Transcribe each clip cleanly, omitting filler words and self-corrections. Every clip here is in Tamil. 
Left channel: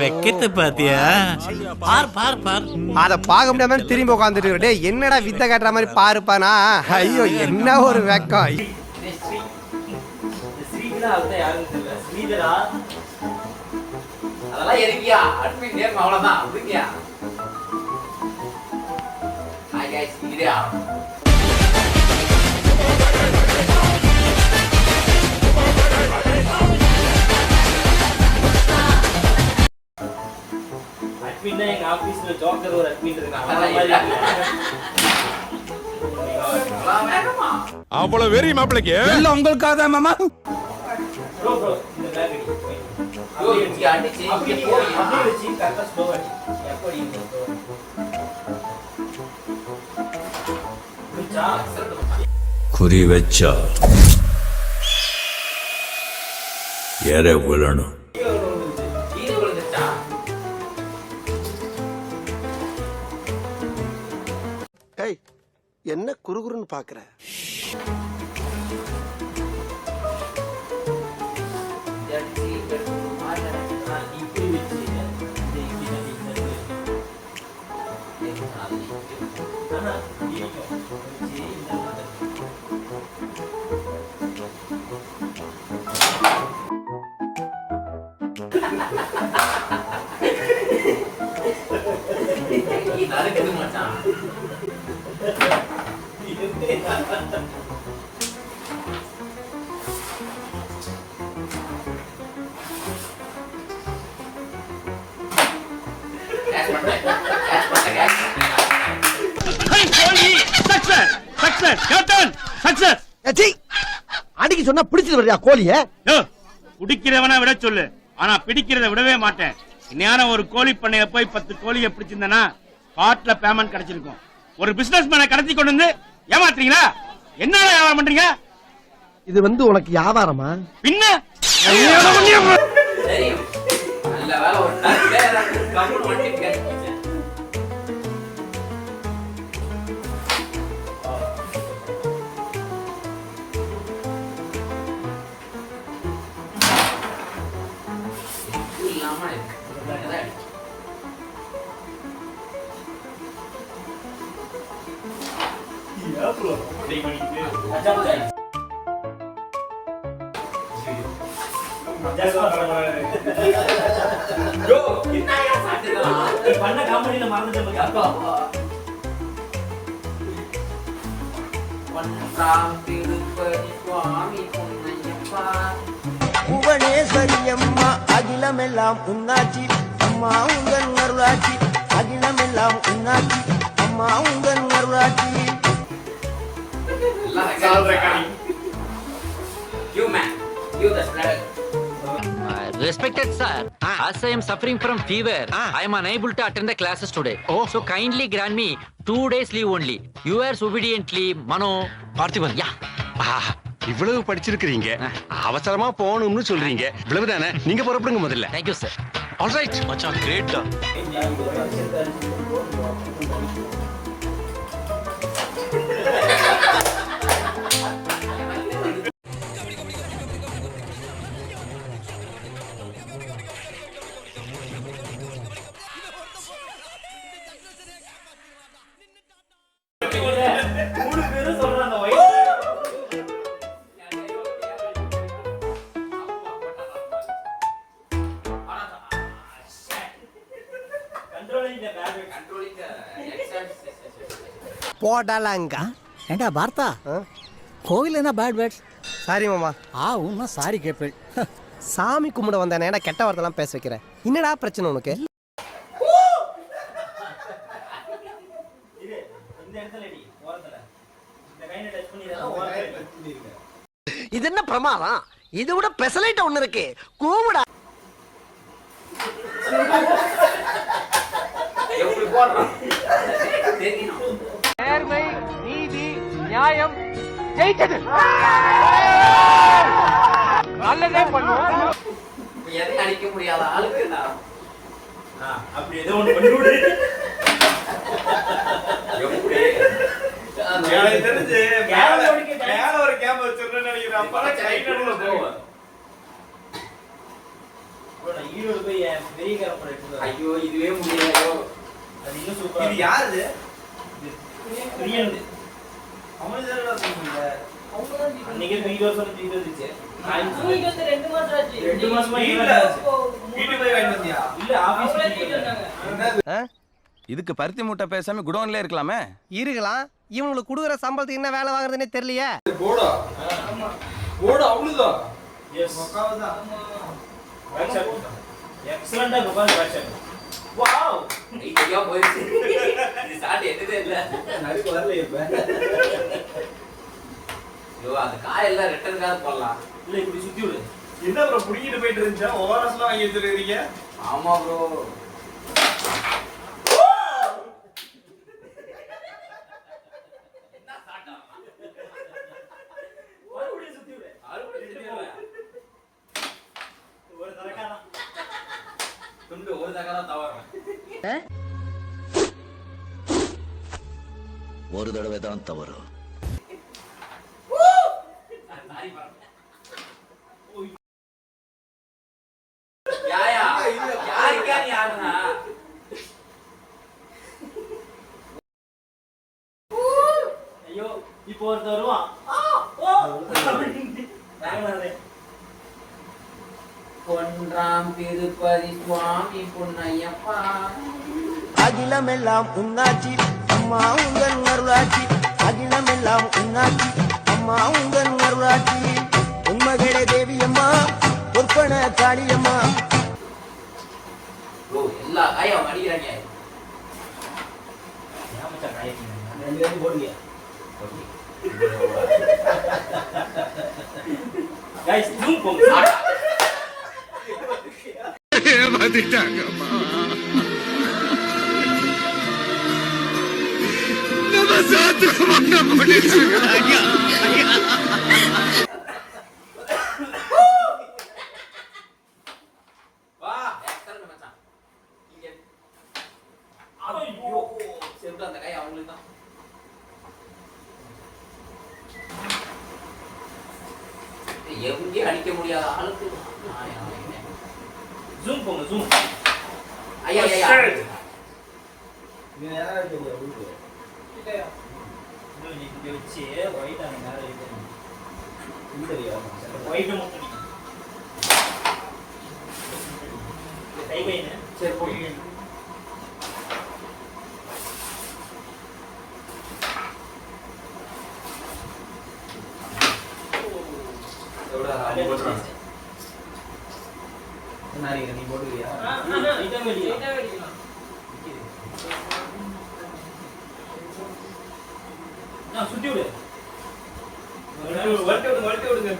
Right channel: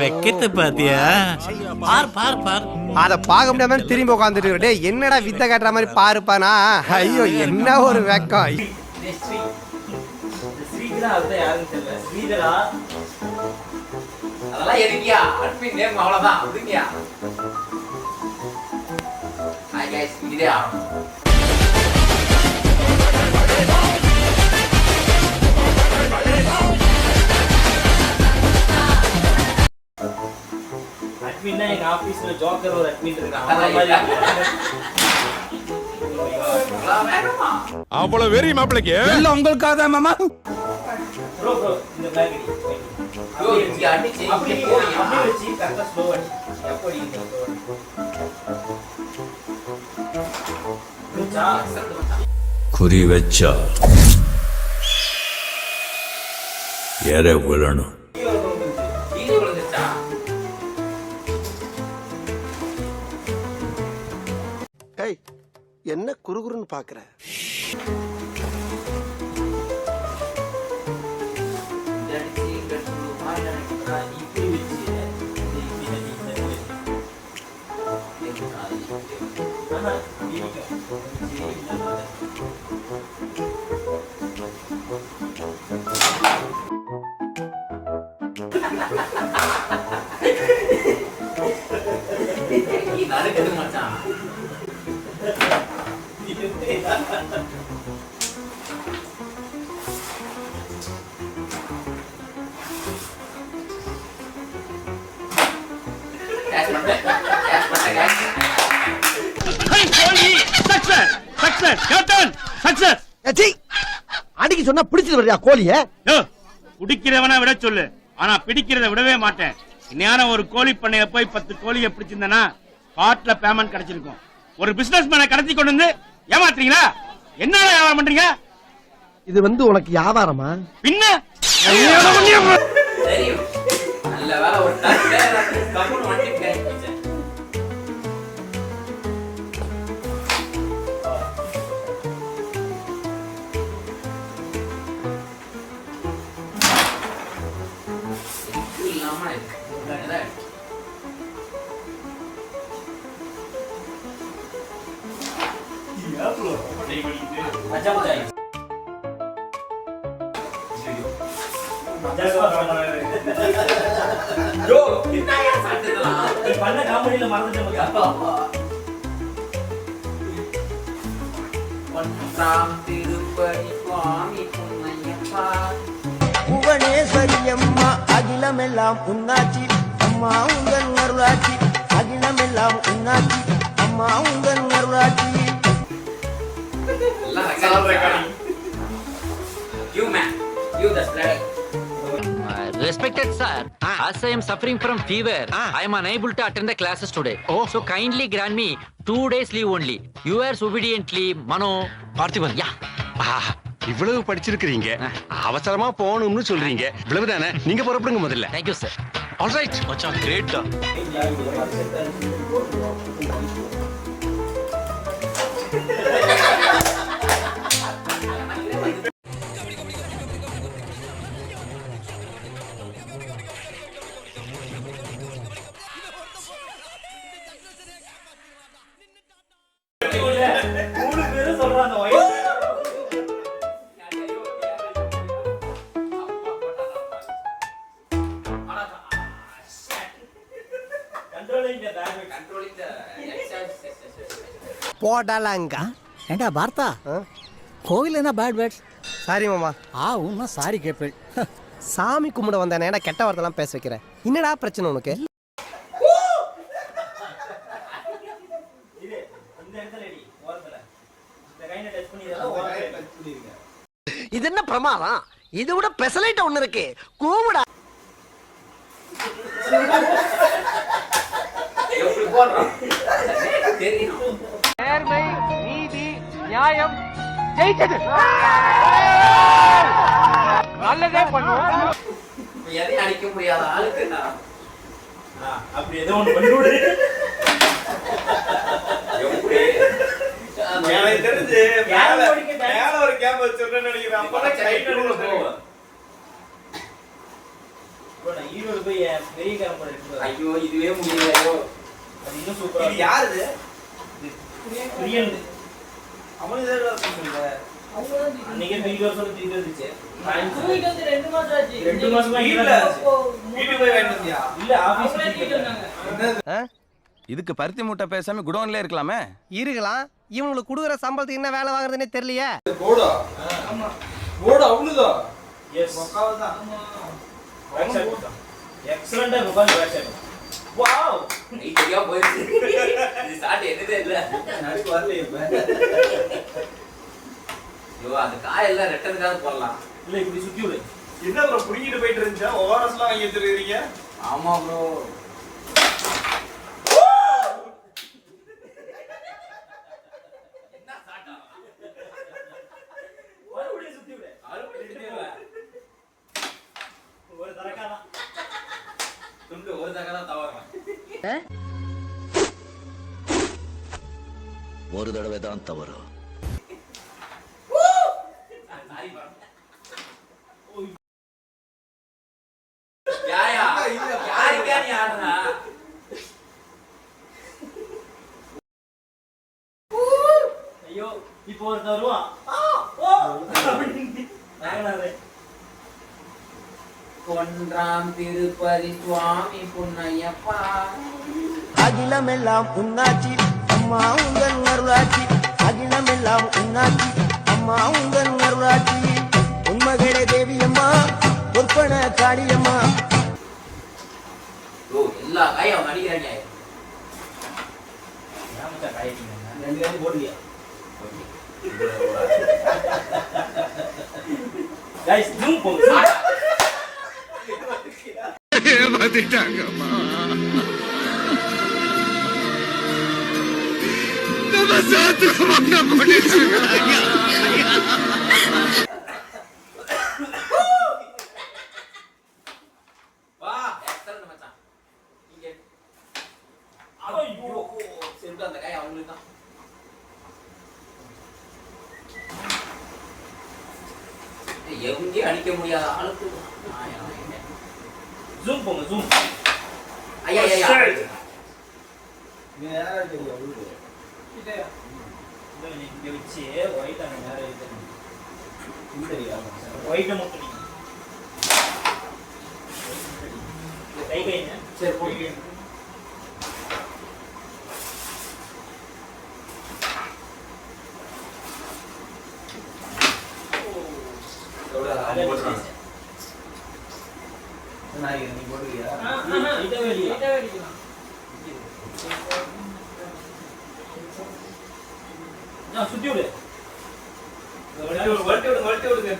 வெக்கத்தை பாத்தியா? அத பாக்க முடியாம திரும்பி உட்காந்துட்டு என்னடா வித்த காட்டுற மாதிரி பாருப்பானா? ஐயோ என்ன ஒரு வெக்கம். எங்க ஆபீஸ்ல ஜோக்கர் ஒரு அட்மின் இருக்காங்க. அவ்வளவு வெறி மாப்பிளைக்கு எல்லாம் உங்களுக்காக தான் மாமா. ப்ரோ இந்த பேக் இங்க அடிச்சு இங்க போய் அப்படியே வெச்சி கரெக்ட்டா ஸ்லோ அடி. எப்படி குறி வச்சா எற விழணும். என்ன குறுகுறுன்னு பாக்குற? அடிக்க சொன்னா பிடிச்சது வரையா கோழிய? பிடிக்கிறவனா விட சொல்லு, ஆனா பிடிக்கிறத விடவே மாட்டேன். இன்னையான ஒரு கோழி பண்ணைய போய் 10 கோழியை பிடிச்சிருந்தனா காட்ல பேமெண்ட் கிடைச்சிருக்கும். ஒரு பிசினஸ் மேன கடத்தி கொண்டு வந்து ஏமாத்துறீங்களா? என்ன வியாபாரம் பண்றீங்க? இது வந்து உனக்கு வியாபாரமா? பின்ன புவனேஸ்வரி அம்மா அகிலமெல்லாம் உன்னாச்சி அம்மா உங்கள் அருளாச்சி. அகிலமெல்லாம் உன்னாச்சி அம்மா உங்கள் அருளாச்சி. Respected sir, as I am suffering from fever, I am unable to attend the classes today. So kindly grant me 2 days leave only. Yours obediently, Mano Parthiban. Yeah. இவ்வளவு படிச்சிருக்கீங்க, அவசரமா போகணும்னு சொல்றீங்க, இவ்வளவுதானே? நீங்க புறப்படுங்க முதல்ல. Thank you sir. All right மச்சான், கிரேட் தான். போடலாங்க. ஏண்டா பார்த்தா கோவில் என்ன பேட் வேர்ட்ஸ்? சாரி மாமா. உன்னா சாரி கேப்பேன். சாமி கும்பிட வந்தானே, ஏன்னா கெட்ட வார்த்தைலாம் பேச வைக்கிறேன். என்னடா பிரச்சனை உனக்கு? இது என்ன பிரமாதம்? இது விட பெசலைட் ஒண்ணு இருக்கு. கூமுடா. நேர்மை, நீதி, நியாயம் ஜெயிச்சது. நல்லதே பண்ணுவோம். எதை அடிக்க முடியாத ஆளுக்கு அப்படி ஏதோ ஒண்ணு பண்ணி விடு. எனக்கு தெரிஞ்சு மேல ஒரு கேம் வச்சிருந்தேன்னு நினைக்கிறேன். அப்பதான் கையில கூட போகும். bro, நான் ஈரோடு போய் என் பெரிய கார பண்ணிட்டு. ஐயோ இதுவே முடியல. அது இன்னும் சூப்பரா. இது யாருது? பிரியனது. அவனே தான் சொல்லுங்க. அன்னைக்கு 3 வருஷம் தீந்து வந்துச்சு. போயிட்டு வந்து 2 மாசம் ஆச்சு. 2 மாசமா வீட்டுல வீட்டுக்கு போய் வாங்கிட்டு வந்தியா? இல்ல ஆபீஸ் போயிட்டு என்னது? இதுக்கு பருத்தி மூட்டை பேசாம குடோன்ல இருக்கலாமே. இருக்கலாம். இவங்களுக்கு கொடுக்குற சம்பளத்துக்கு என்ன வேலை வாங்குறதுன்னே தெரியலையே. போடா. போடா அவ்வளவுதான். எஸ் தான். எக்ஸலென்ட்டா உட்கார்ந்து பேக் ஷாட். வாவ். ஐயா போயிடுச்சு. இது ஸ்டார்ட் என்னதே இல்ல. நடுக்கு வரல இப்ப. ஐயோ அந்த காயெல்லாம் ரிட்டர்ன் காது போடலாம். இல்ல இப்படி சுத்தி விடு. என்ன ப்ரோ புடிங்கிட்டு போயிட்டு இருந்துச்சா? ஓஆர்எஸ்லாம் வாங்கி எடுத்துக்கிறீங்க? ஆமா ப்ரோ. என்ன சாட்டா? மறுபடியும் சுத்தி விடு. அறுபடி சுத்திடுவேன். ஒரு தரக்கா தான். துண்டு ஒரு தடவை தான் தவறேன். ஒரு தடவை தான் தவறு. யாயா யாருக்கா நீ ஆடுனா? ஐயோ இப்போ ஒரு தருவான். பொன்றாம் திருப்பதி சுவாமி பொன்னையப்பா. அகிலமெல்லாம் உன்னாட்சி அம்மா உங்கள் அருளாட்சி. அகிலமெல்லாம் உன்னாட்சி அம்மா உங்கள் அருளாட்சி. உண்மகளே தேவியம்மா பொற்பன காளியம்மா. ப்ரோ எல்லா காயும் அடிக்கிறானே. நாமச்சா காய்க்கிங்க. 2 காய் போடுங்க. गाइस ஜூம் போங்க. ஏமாத்திட்டாங்கம்மா. நம்ம சாத்துக்கு மண்ண போட்டுட்டாங்க. வா எக்ஸலென்ட் மச்சான். இங்க ஐயோ சென்று அந்த காய் அவங்களுக்கு தான். எங்கேயும் அடிக்க முடியாத ஆளுக்கு ஜூம் போங்க ஜூம். ஐயா ஐயா நீ யாரா தெரியும் உங்களுக்கு? இல்லையா? நீ இங்க வச்சு ஒயிட் அந்த நேரா வைக்கணும். இது தெரியும். ஒயிட் மட்டும் நீ. கை கைன சரி போடுங்க. நீ போடுறியா? இத வெளிய. நான் சுத்தி விடு. வட்டி விடுங்க.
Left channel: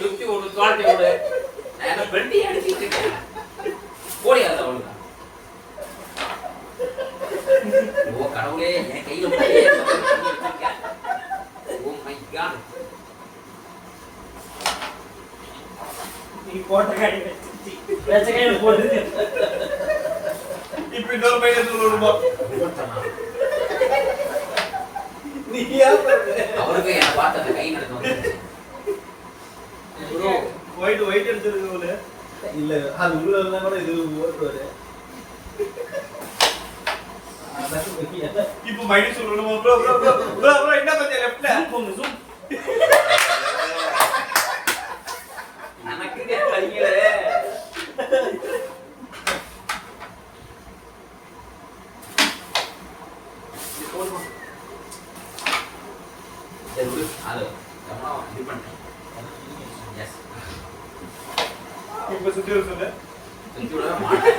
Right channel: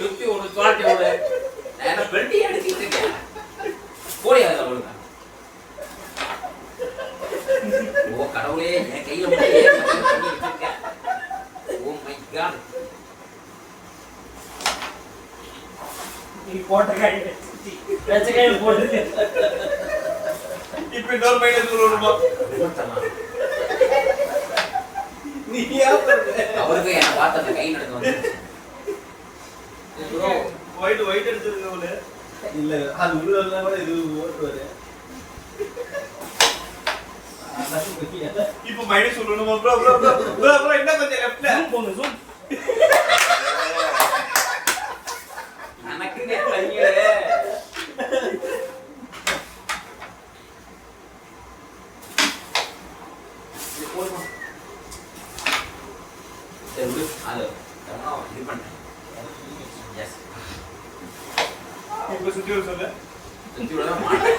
சுத்தி ஒரு தோல்ட்டி விடு. நான் என்ன பெல்ட்டி அடிச்சிட்டு இருக்கேன். போடியாது அவளுக்கு. ஓ கடவுளே என் கையில மட்டும் ஏன் பண்ணி வச்சிருக்கேன். Oh my god. நீ போட்ட கை வெச்சி வெச்ச கையில போடு. இப்ப இன்னொரு பையன் சொல்லுமா? நீ ஏன் பண்ற? அவருக்கு என்ன பார்த்த அந்த கை நடந்து வந்து. ப்ரோ ஒயிட் எடுத்துருக்கோல. இல்ல அது உள்ள இருந்தா கூட இது ஓட்டுவாரு. இப்போ மைனஸ் சொல்லணுமா? ப்ரோ என்ன கொஞ்சம் லெஃப்ட்ல ஜூம் போங்க ஜூம். நமக்கு பையலே. சரி விடு. அது கவனம் இது பண்ணு. எஸ். இப்ப சுத்தி விட சொல்லு. சுத்தி விட மாட்டேன்.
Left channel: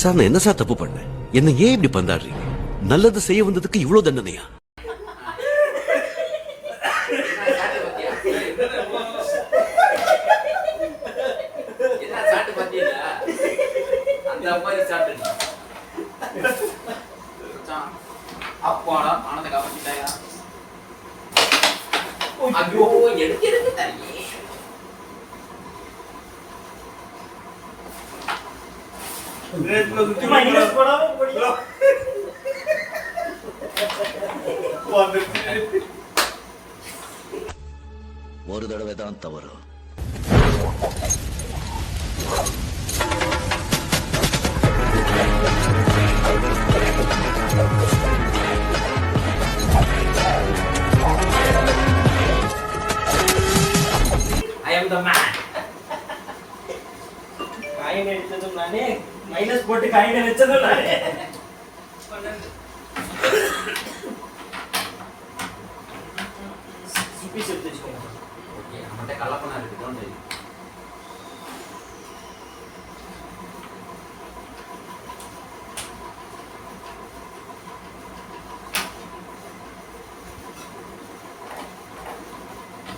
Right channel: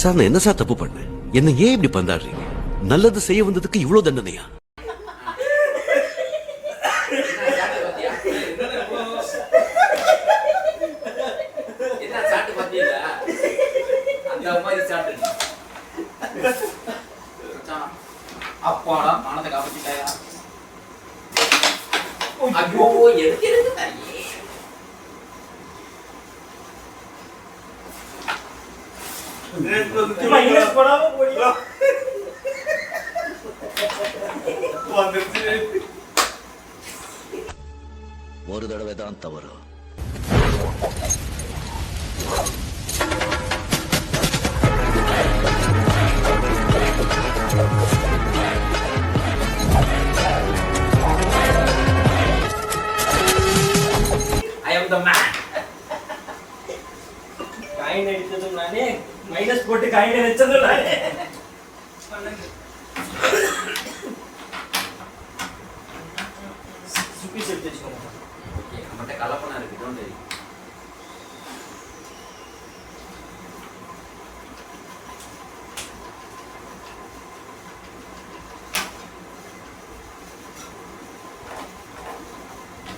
சார் நான் என்ன சார் தப்பு பண்ணேன்? என்ன ஏன் இப்படி பந்தாடுறீங்க? நல்லது செய்ய வந்ததுக்கு இவ்வளவு தண்டனையா? அப்பாடா பணத்தை காப்பாத்திட்டாயா ஐயோ எதுக்கு எதுக்கு தரீங்க ஒரு தடவை தான் தவறு. I am the man. Coin அடிச்சதும் நானே மைனஸ் போட்டு காயின் அடிச்சதும் நானே சுப்பி செத்து வச்சுக்கோங்க ஓகே நம்மகிட்ட கள்ளப்பணம் இருக்கு don't worry.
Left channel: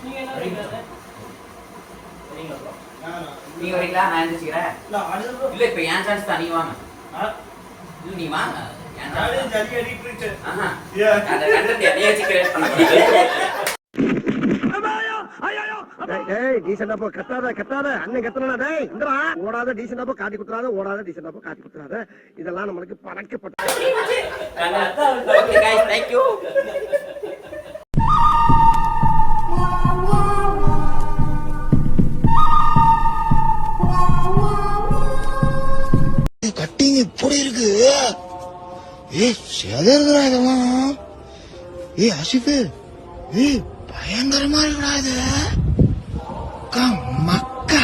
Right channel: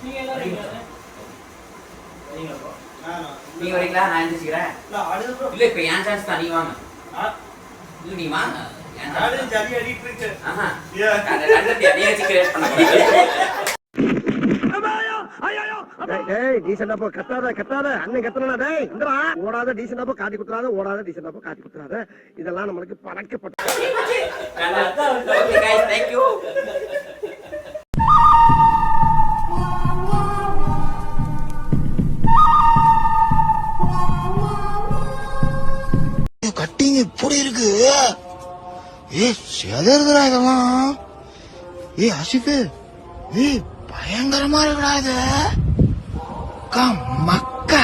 நீங்க என்ன வரீங்களா நீங்க வரீங்களா நான் எந்திரிச்சுக்கிறேன் இல்ல இப்ப என் சான்ஸ் தான் நீங்க வாங்க இல்ல நீ வாங்க என் சான்ஸ் ஜாலி அடிட்டு இருக்கு ஆஹா அந்த கண்டத்தை நீ வச்சு கிரியேட் பண்ண முடியாது டேய் டீசன்டா போ கத்தாத அண்ணன் கத்தறடா டேய் இந்தடா ஓடாத டீசன்டா போ காட்டி குத்துறாத ஓடாத டீசன்டா போ காட்டி குத்துறாத இதெல்லாம் நமக்கு பழக்கப்பட்ட okay guys thank you cutting இப்படி இருக்கு செதறதுடா இதெல்லாம் அசிஃபு பயங்கரமா இருக்குடா இது மக்கா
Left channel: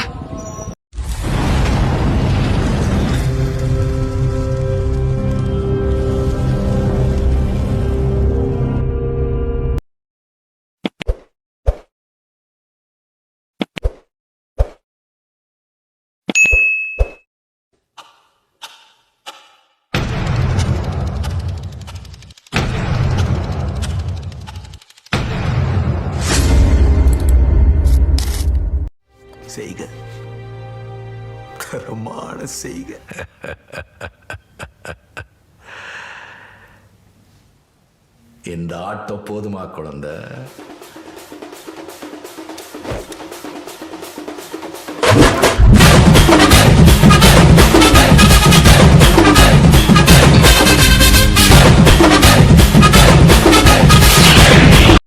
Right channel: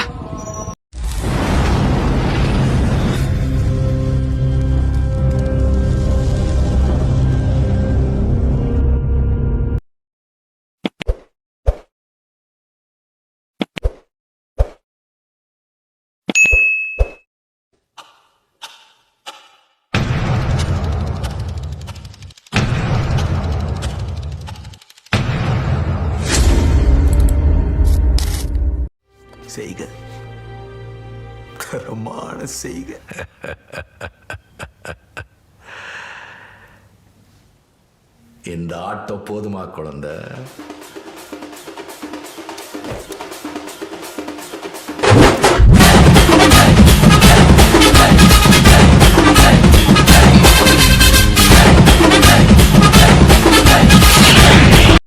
செய்க தரமான செய்க. இந்த ஆட்டம் போதுமா குழந்தை?